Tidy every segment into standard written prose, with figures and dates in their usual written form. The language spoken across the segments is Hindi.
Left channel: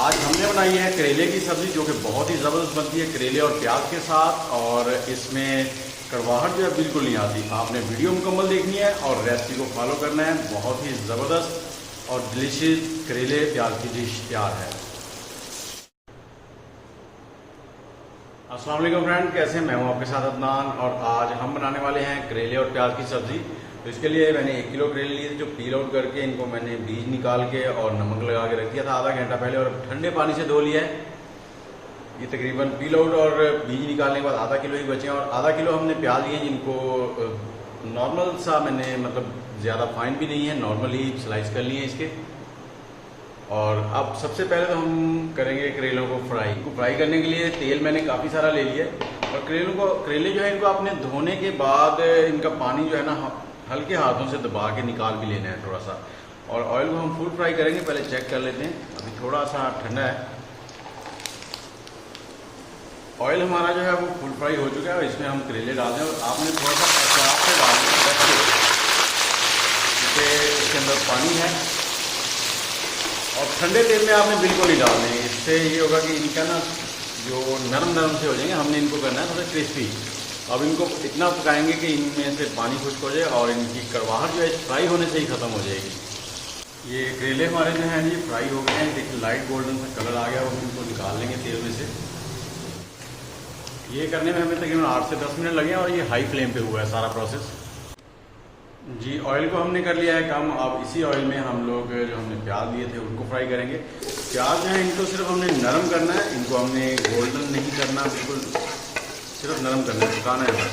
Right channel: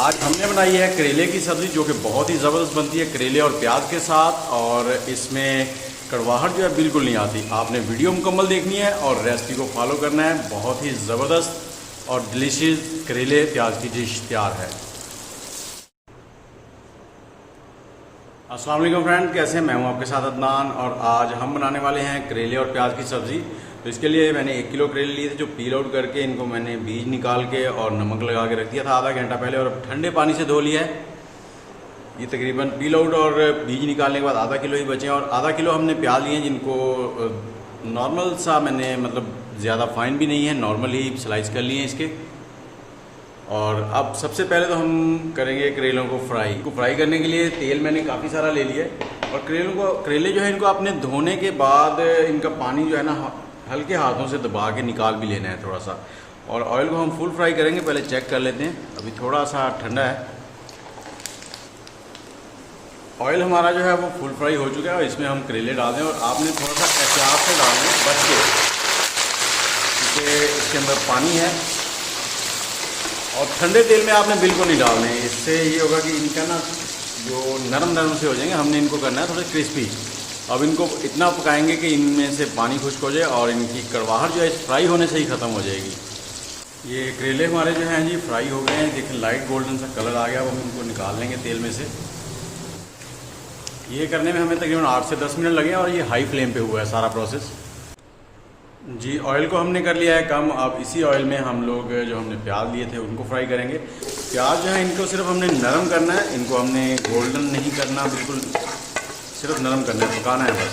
आज हमने बनाई है करेले की सब्ज़ी, जो कि बहुत ही ज़बरदस्त बनती है करेले और प्याज के साथ। और इसमें कड़वाहट जो है बिल्कुल नहीं आती। आपने वीडियो मुकम्मल देखनी है और रेसिपी को फॉलो करना है। बहुत ही ज़बरदस्त और डिलीशियस करेले प्याज की डिश तैयार है। अस्सलाम वालेकुम फ्रेंड, कैसे हैं? मैं हूं आपके साथ अदनान और आज हम बनाने वाले हैं करेले और प्याज की सब्ज़ी। तो इसके लिए मैंने 1 किलो करेले लिए थे, जो पील आउट करके इनको मैंने बीज निकाल के और नमक लगा के रख दिया था आधा घंटा पहले, और ठंडे पानी से धो लिया है। ये तकरीबन पील आउट और बीज निकालने के बाद आधा किलो ही बचे हैं। और आधा किलो हमने प्याज लिए, जिनको नॉर्मल सा मैंने ज़्यादा फाइन भी नहीं है, नॉर्मल ही स्लाइस कर लिए इसके। और अब सबसे पहले तो हम करेंगे करेलों को फ्राई करने के लिए तेल मैंने काफ़ी सारा ले लिया। और करेले जो है इनको अपने धोने के बाद इनका पानी जो है ना हल्के हाथों से दबा के निकाल भी लेना है थोड़ा सा। और ऑयल को हम फुल फ्राई करेंगे, पहले चेक कर लेते हैं। अभी थोड़ा सा ठंडा है। ऑयल हमारा जो है वो फुल फ्राई हो चुका है और इसमें हम करेले डाल दें। और आपने थोड़ा सा एहतियात से डालना है, बच के, क्योंकि इसके अंदर पानी है। और ठंडे तेल में आपने बिल्कुल नहीं डालने हैं। इससे ये होगा कि इनका ना जो नरम से हो जाएंगे। हमने इनको करना है थोड़ा क्रिस्पी। अब इनको इतना पकाएंगे कि इनमें से पानी खुश्क हो जाए और इनकी कड़वाहट जो है फ्राई होने से ही ख़त्म हो जाएगी। ये करेले हमारे जो हैं जी फ्राई हो गए हैं। देखिए लाइट गोल्डन सा कलर आ गया। वो हम इनको निकाल लेंगे तेल में से। ये करने में हमें तकरीबन 8 से 10 मिनट लगे और ये हाई फ्लेम पे हुआ है सारा प्रोसेस। जी, ऑयल को हमने कर लिया है कम। अब इसी ऑयल में हम लोग जो हमने प्याज लिए थे उनको फ्राई करेंगे। प्याज जो है इनको सिर्फ हमने नरम करना है, इनको हमने गोल्डन नहीं करना, बिल्कुल सिर्फ नरम करना है, पकाना है बस।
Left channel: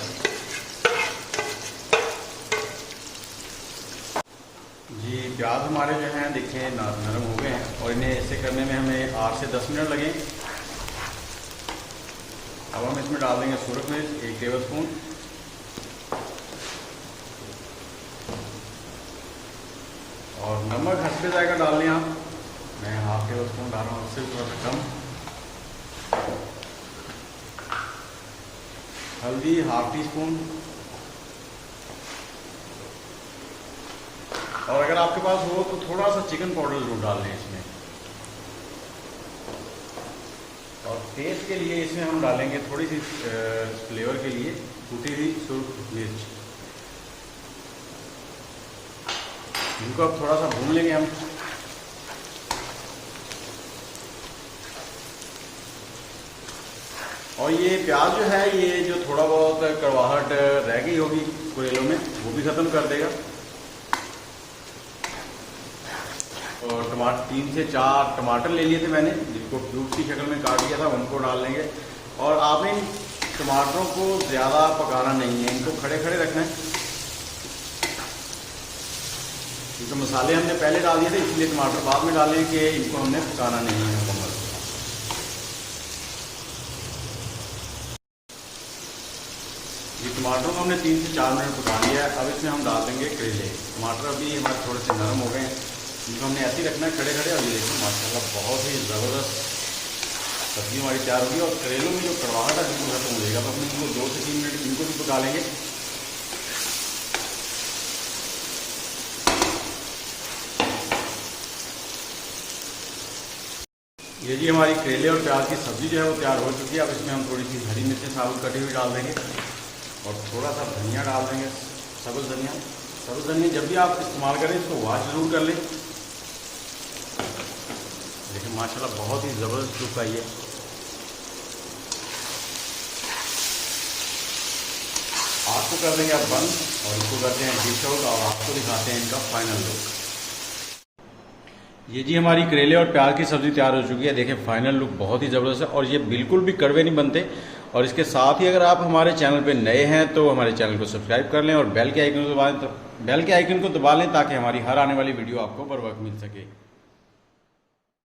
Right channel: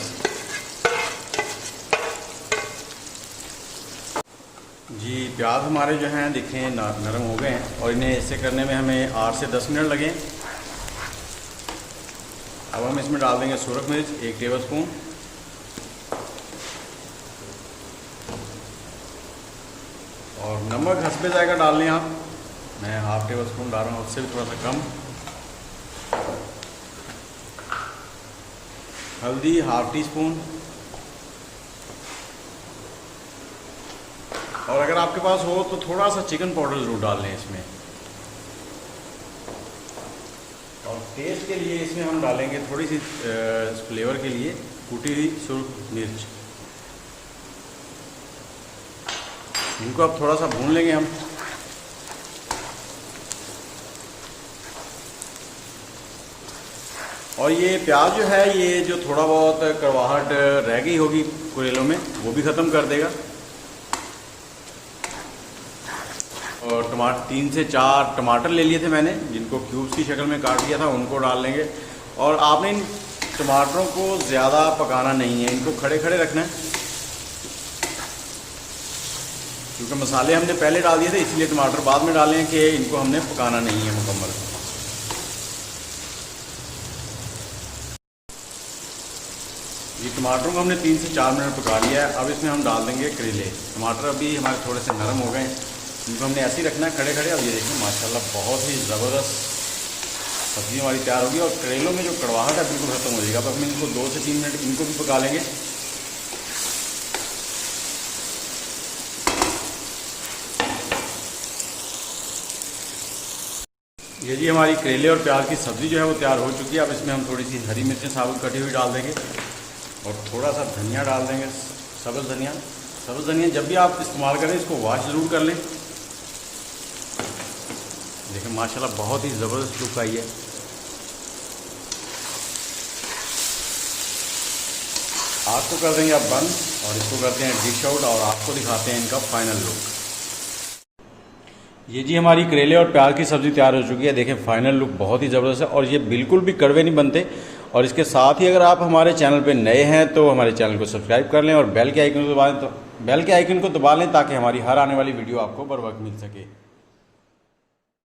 जी, प्याज हमारे जो हैं देखिए नरम हो गए हैं और इन्हें ऐसे करने में हमें 8 से 10 मिनट लगे। अब हम इसमें डाल देंगे सुरख मिर्च 1 टेबल स्पून, और नमक हस्बे जाएगा डाल लें आप। मैं 1/2 टेबल स्पून डाल रहा हूँ, उससे थोड़ा सा कम। हल्दी 1/2 टीस्पून। और अगर आपके पास हो तो थोड़ा सा चिकन पाउडर जरूर डाल लें इसमें। और टेस्ट के लिए इसमें हम डालेंगे थोड़ी सी फ्लेवर के लिए कूटी हुई सुरख मिर्च। इनको अब थोड़ा सा भून लेंगे हम। और ये प्याज जो है, ये जो थोड़ा बहुत कड़वाहट रह गई होगी करेलों में, वो भी ख़त्म कर देगा। और टमाटर 3 से 4 टमाटर ले लिए थे मैंने, जिनको क्यूब्स की शक्ल में काट दिया था, उनको डाल लेंगे। और आपने इन टमाटरों को ज़्यादा पकाना नहीं है, इनको खड़े खड़े रखना है, क्योंकि मसाले हमने पहले डाल दिए थे, इसलिए टमाटर बाद में डालें कि इनको हमने पकाना नहीं है मुकम्मल। ये टमाटर को हमने 3 से 4 मिनट पका लिया है। अब इसमें हम डाल देंगे करेले। टमाटर अभी हमारे थोड़े से नरम हो गए हैं, इनको हमने ऐसे ही रखना है खड़े खड़े। और ये देखिए माशाल्लाह बहुत ही ज़बरदस्त सब्ज़ी हमारी तैयार होगी। और करेलों में जो कड़वाहट है बिल्कुल खत्म हो जाएगा। अब अपने इनको 2 से 3 मिनट इनको भी पका लेंगे। ये जी हमारी करेले और प्याज की सब्ज़ी जो है वो तैयार हो चुकी है। अब इसमें हम थोड़ी सी हरी मिर्चें साबुत कटी हुई डाल देंगे और थोड़ा सा धनिया डाल देंगे, सब्ज़ धनिया। सब्ज़ धनिया जब भी आप इस्तेमाल करें इसको वॉश ज़रूर कर लें। देखिए माशाल्लाह बहुत ही ज़बरदस्त लुक आई है। आपको कर देंगे आप बंद और इसको करते हैं डिश आउट और आपको दिखाते हैं इनका फाइनल लुक। ये जी हमारी करेले और प्याज की सब्ज़ी तैयार हो चुकी है। देखें फाइनल लुक बहुत ही ज़बरदस्त है और ये बिल्कुल भी कड़वे नहीं बनते। और इसके साथ ही अगर आप हमारे चैनल पे नए हैं तो हमारे चैनल को सब्सक्राइब कर लें और बेल के आइकन को दबा लें ताकि हमारी हर आने वाली वीडियो आपको बर वक्त मिल सके।